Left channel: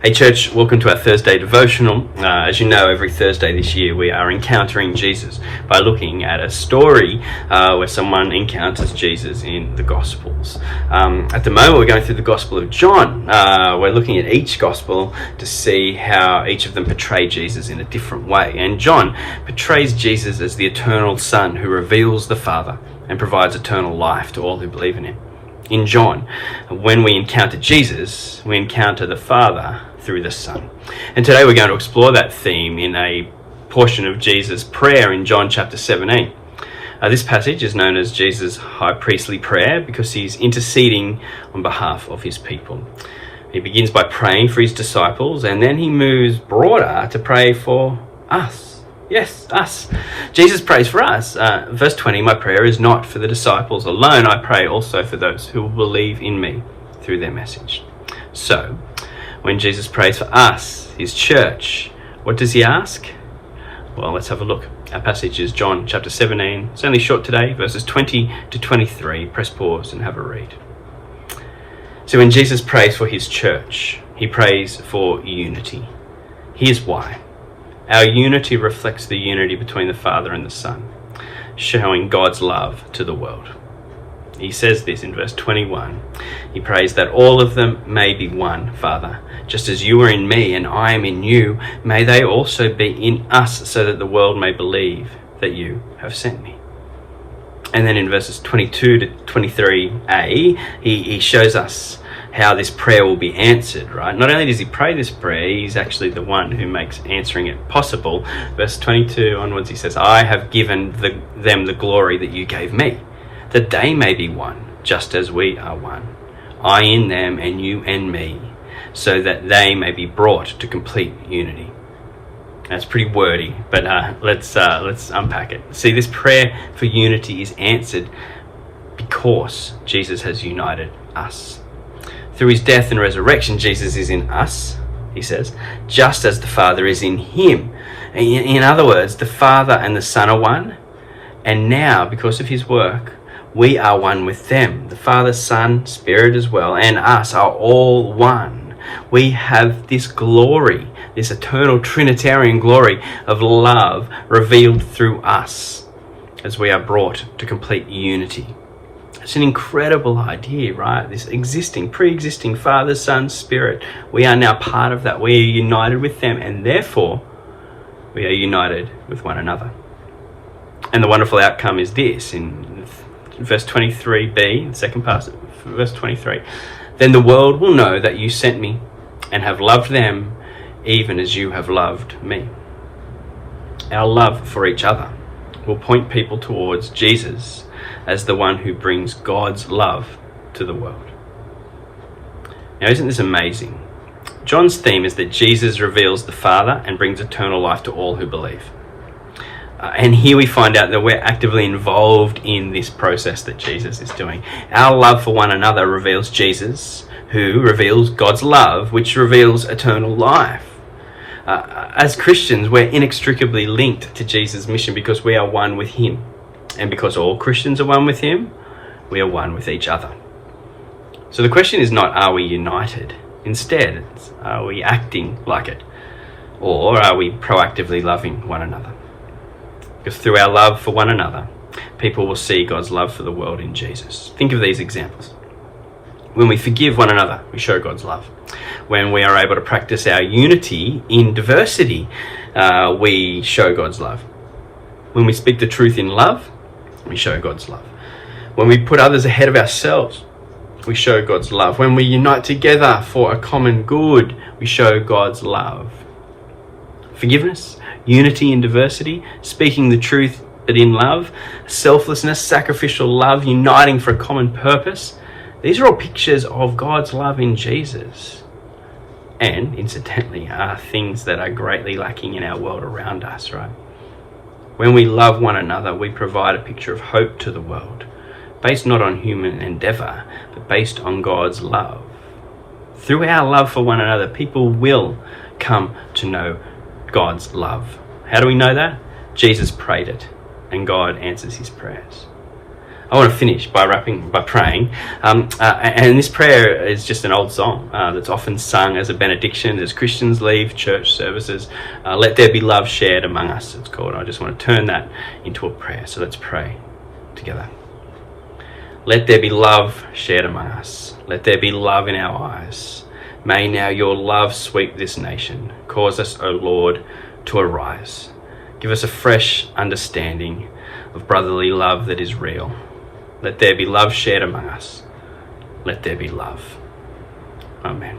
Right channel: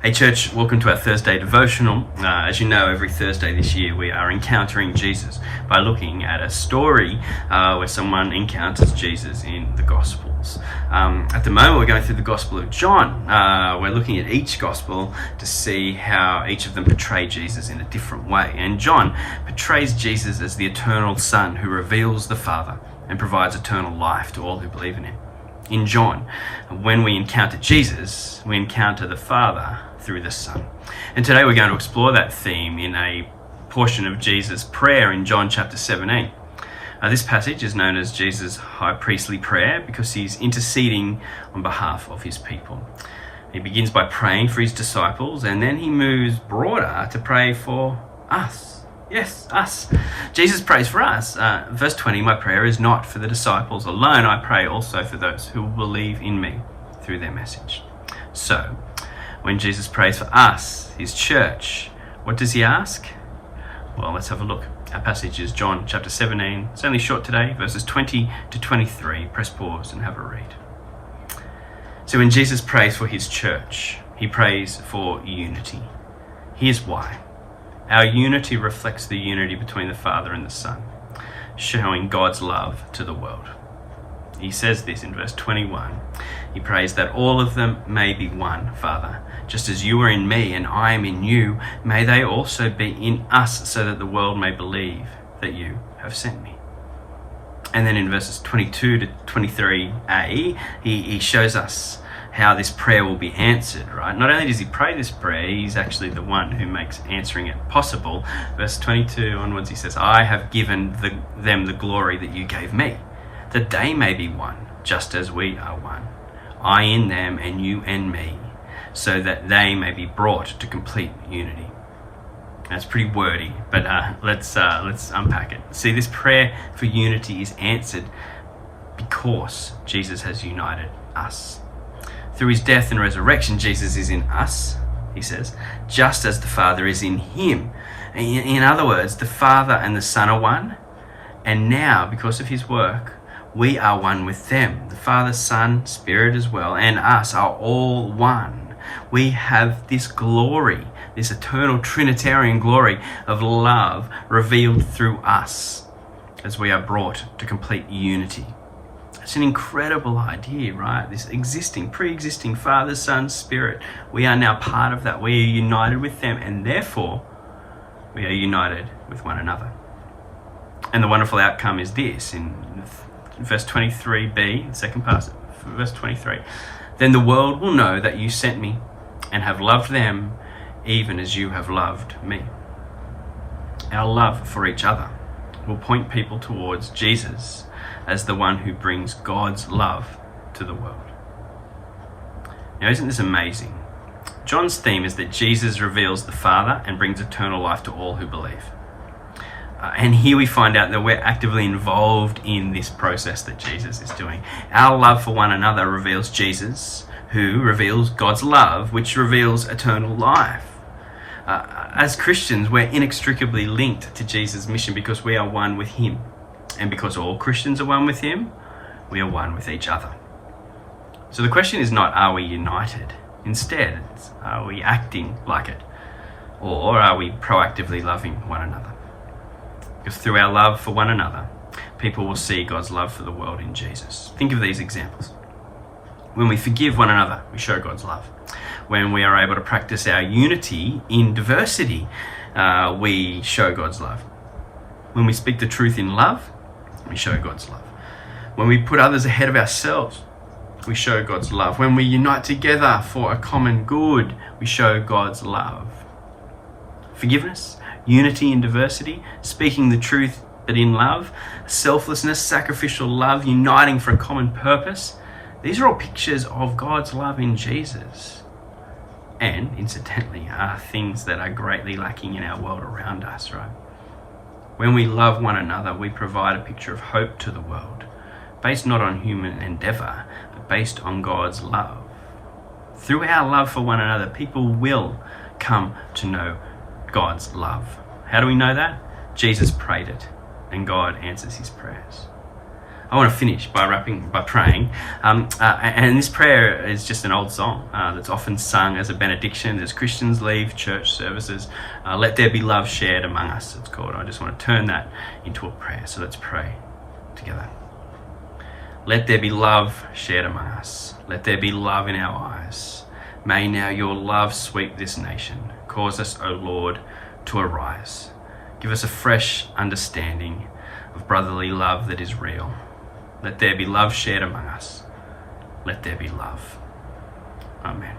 Hey church, welcome to our Thursday devotional. As you know, every Thursday this year we are encountering Jesus by looking at a story where someone encounters Jesus in the Gospels. At the moment we're going through the Gospel of John. We're looking at each Gospel to see how each of them portray Jesus in a different way. And John portrays Jesus as the eternal Son who reveals the Father and provides eternal life to all who believe in him. In John, when we encounter Jesus, we encounter the Father through the Son. And today we're going to explore that theme in a portion of Jesus' prayer in John chapter 17. This passage is known as Jesus' high priestly prayer because he's interceding on behalf of his people. He begins by praying for his disciples, and then he moves broader to pray for us. Yes, us. Jesus prays for us. Verse 20, my prayer is not for the disciples alone. I pray also for those who will believe in me through their message. So, when Jesus prays for us, his church, what does he ask? Well, let's have a look. Our passage is John chapter 17. It's only short today, verses 20 to 23. Press pause and have a read. So when Jesus prays for his church, he prays for unity. Here's why. Our unity reflects the unity between the Father and the Son, showing God's love to the world. He says this in verse 21. He prays that all of them may be one, Father. Just as you are in me and I am in you, may they also be in us, so that the world may believe that you have sent me. And then in verses 22 to 23a, he shows us how this prayer will be answered, right? Not only does he pray this prayer, he's actually the one who makes answering it possible. Verse 22 onwards, he says, I have given them the glory that you gave me, that they may be one, just as we are one. I in them and you and me, so that they may be brought to complete unity. That's pretty wordy, but let's unpack it. See, this prayer for unity is answered because Jesus has united us. Through his death and resurrection, Jesus is in us, he says, just as the Father is in him. In other words, the Father and the Son are one, and now, because of his work, we are one with them. The Father, Son, Spirit as well, and us are all one. We have this glory, this eternal Trinitarian glory of love revealed through us as we are brought to complete unity. It's an incredible idea, right? This pre-existing Father, Son, Spirit. We are now part of that. We are united with them, and therefore we are united with one another. And the wonderful outcome is this, in verse 23b, the second part of verse 23. Then the world will know that you sent me and have loved them even as you have loved me. Our love for each other will point people towards Jesus as the one who brings God's love to the world. Now, isn't this amazing? John's theme is that Jesus reveals the Father and brings eternal life to all who believe. And here we find out that we're actively involved in this process that Jesus is doing. Our love for one another reveals Jesus, who reveals God's love, which reveals eternal life. As Christians, we're inextricably linked to Jesus' mission because we are one with him. And because all Christians are one with him, we are one with each other. So the question is not, are we united? Instead, it's, are we acting like it? Or are we proactively loving one another? Because through our love for one another, people will see God's love for the world in Jesus. Think of these examples. When we forgive one another, we show God's love. When we are able to practice our unity in diversity, we show God's love. When we speak the truth in love, we show God's love. When we put others ahead of ourselves, we show God's love. When we unite together for a common good, we show God's love. Forgiveness, unity in diversity, speaking the truth but in love, selflessness, sacrificial love, uniting for a common purpose. These are all pictures of God's love in Jesus. And, incidentally, are things that are greatly lacking in our world around us, right? When we love one another, we provide a picture of hope to the world, based not on human endeavor, but based on God's love. Through our love for one another, people will come to know God's love. How do we know that? Jesus prayed it, and God answers his prayers. I want to finish by praying. And this prayer is just an old song that's often sung as a benediction as Christians leave church services. Let there be love shared among us, it's called. I just want to turn that into a prayer. So let's pray together. Let there be love shared among us. Let there be love in our eyes. May now your love sweep this nation. Cause us, O Lord, to arise. Give us a fresh understanding of brotherly love that is real. Let there be love shared among us. Let there be love. Amen.